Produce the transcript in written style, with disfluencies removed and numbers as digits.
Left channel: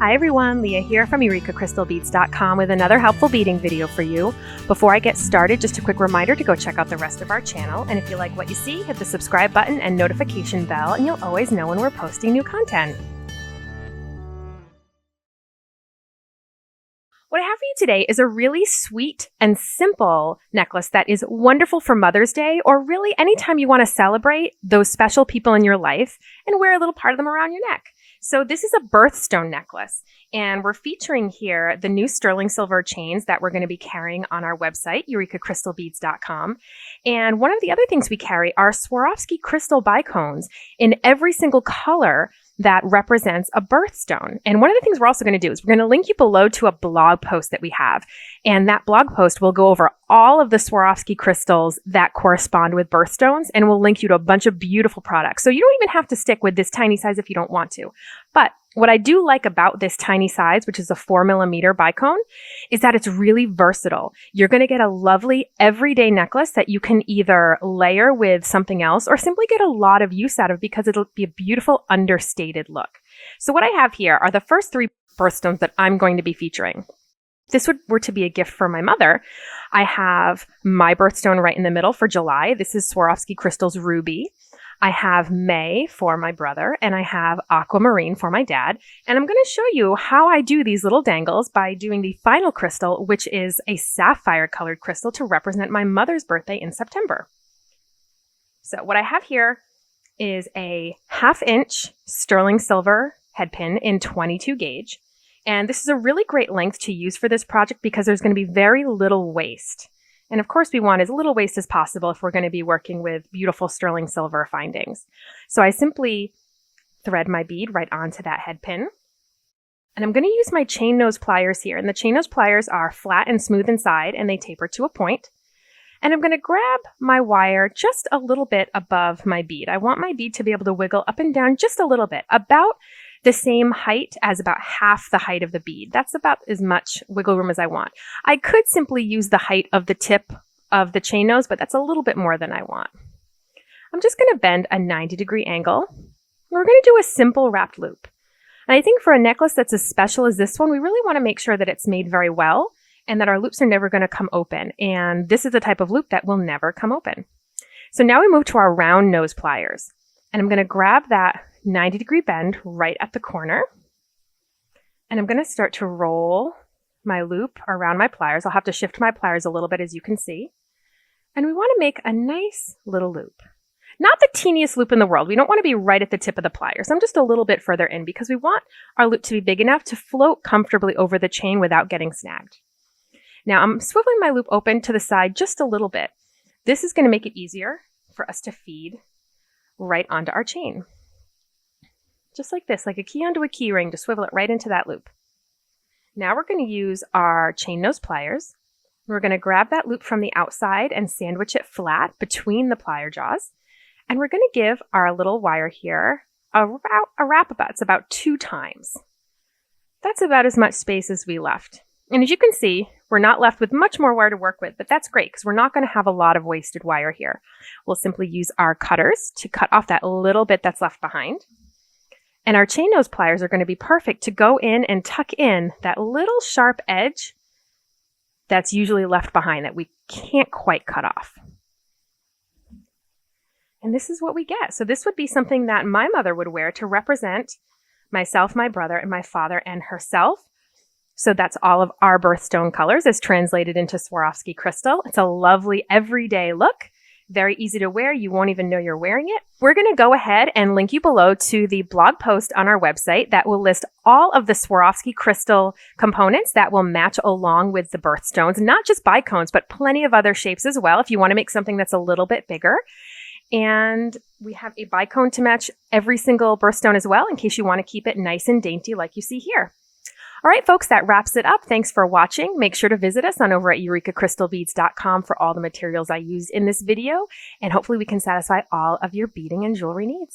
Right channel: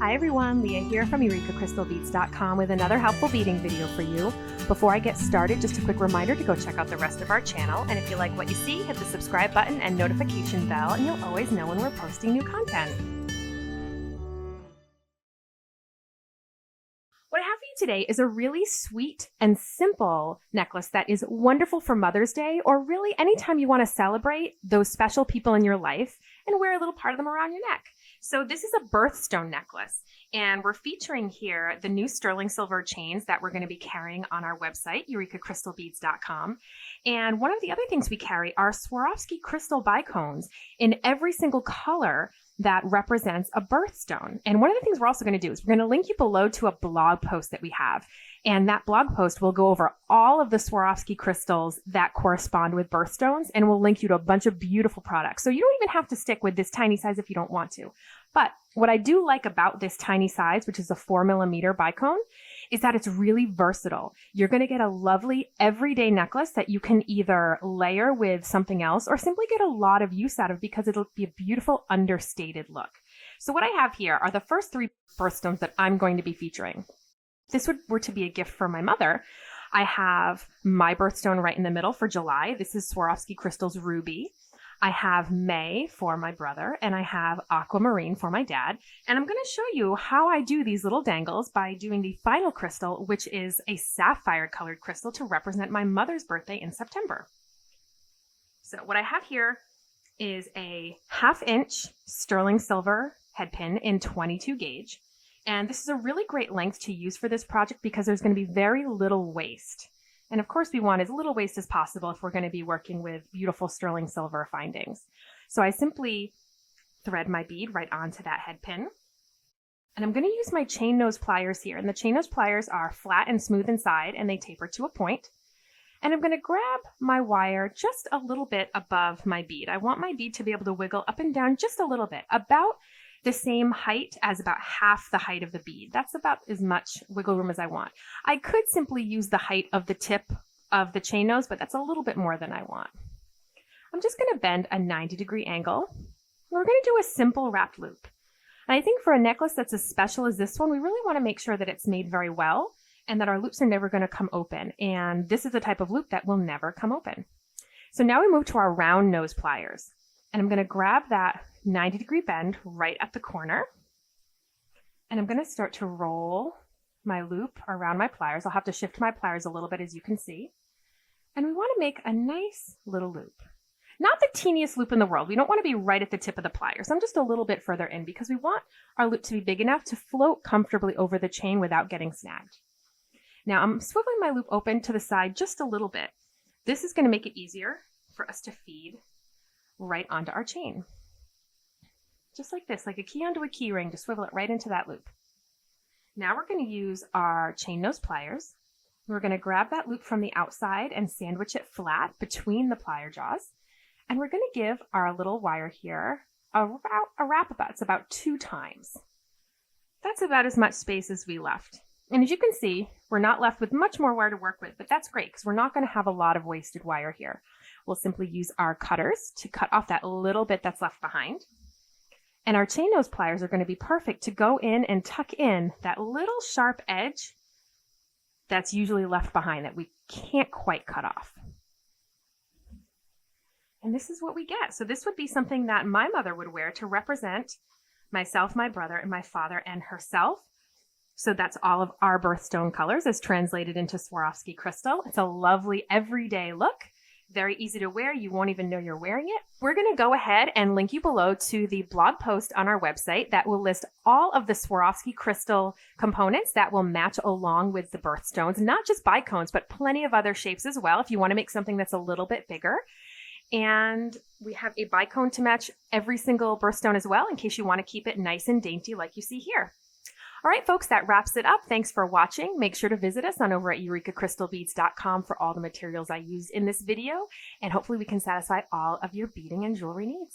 Hi everyone, Leah here from EurekaCrystalBeads.com with another helpful beading video for you. Before I get started, just a quick reminder to go check out the rest of our channel, and if you like what you see, hit the subscribe button and notification bell and you'll always know when we're posting new content. What I have for you today is a really sweet and simple necklace that is wonderful for Mother's Day, or really anytime you want to celebrate those special people in your life and wear a little part of them around your neck. So this is a birthstone necklace, and we're featuring here the new sterling silver chains that we're going to be carrying on our website, EurekaCrystalBeads.com. And one of the other things we carry are Swarovski crystal bicones in every single color that represents a birthstone. And one of the things we're also going to do is we're going to link you below to a blog post that we have. And that blog post will go over all of the Swarovski crystals that correspond with birthstones, and we'll link you to a bunch of beautiful products. So you don't even have to stick with this tiny size if you don't want to. But what I do like about this tiny size, which is a 4mm bicone, is that it's really versatile. You're going to get a lovely everyday necklace that you can either layer with something else or simply get a lot of use out of because it'll be a beautiful understated look. So what I have here are the first three birthstones that I'm going to be featuring. If this were to be a gift for my mother, I have my birthstone right in the middle for July. This is Swarovski Crystals Ruby. I have May for my brother, and I have Aquamarine for my dad. And I'm going to show you how I do these little dangles by doing the final crystal, which is a sapphire colored crystal to represent my mother's birthday in September. So what I have here is a 1/2 inch sterling silver head pin in 22 gauge. And this is a really great length to use for this project because there's going to be very little waste. And of course, we want as little waste as possible if we're going to be working with beautiful sterling silver findings. So I simply thread my bead right onto that head pin. And I'm going to use my chain nose pliers here. And the chain nose pliers are flat and smooth inside, and they taper to a point. And I'm going to grab my wire just a little bit above my bead. I want my bead to be able to wiggle up and down just a little bit, about the same height as about half the height of the bead. That's about as much wiggle room as I want. I could simply use the height of the tip of the chain nose, but that's a little bit more than I want. I'm just going to bend a 90-degree angle. We're going to do a simple wrapped loop. And I think for a necklace that's as special as this one, we really want to make sure that it's made very well and that our loops are never going to come open. And this is the type of loop that will never come open. So now we move to our round nose pliers. And I'm going to grab that 90-degree bend right at the corner. And I'm going to start to roll my loop around my pliers. I'll have to shift my pliers a little bit, as you can see. And we want to make a nice little loop. Not the teeniest loop in the world. We don't want to be right at the tip of the pliers. I'm just a little bit further in because we want our loop to be big enough to float comfortably over the chain without getting snagged. Now I'm swiveling my loop open to the side just a little bit. This is going to make it easier for us to feed right onto our chain. Just like this, like a key onto a key ring, to swivel it right into that loop. Now we're going to use our chain nose pliers. We're going to grab that loop from the outside and sandwich it flat between the plier jaws. And we're going to give our little wire here a wrap about. It's about 2 times. That's about as much space as we left. And as you can see, we're not left with much more wire to work with, but that's great because we're not going to have a lot of wasted wire here. We'll simply use our cutters to cut off that little bit that's left behind. And our chain nose pliers are going to be perfect to go in and tuck in that little sharp edge that's usually left behind that we can't quite cut off. And this is what we get. So this would be something that my mother would wear to represent myself, my brother, and my father and herself. So that's all of our birthstone colors as translated into Swarovski crystal. It's a lovely everyday look. Very easy to wear. You won't even know you're wearing it. We're going to go ahead and link you below to the blog post on our website that will list all of the Swarovski crystal components that will match along with the birthstones, not just bicones, but plenty of other shapes as well if you want to make something that's a little bit bigger. And we have a bicone to match every single birthstone as well in case you want to keep it nice and dainty like you see here. All right, folks, that wraps it up. Thanks for watching. Make sure to visit us on over at EurekaCrystalBeads.com for all the materials I used in this video, and hopefully we can satisfy all of your beading and jewelry needs.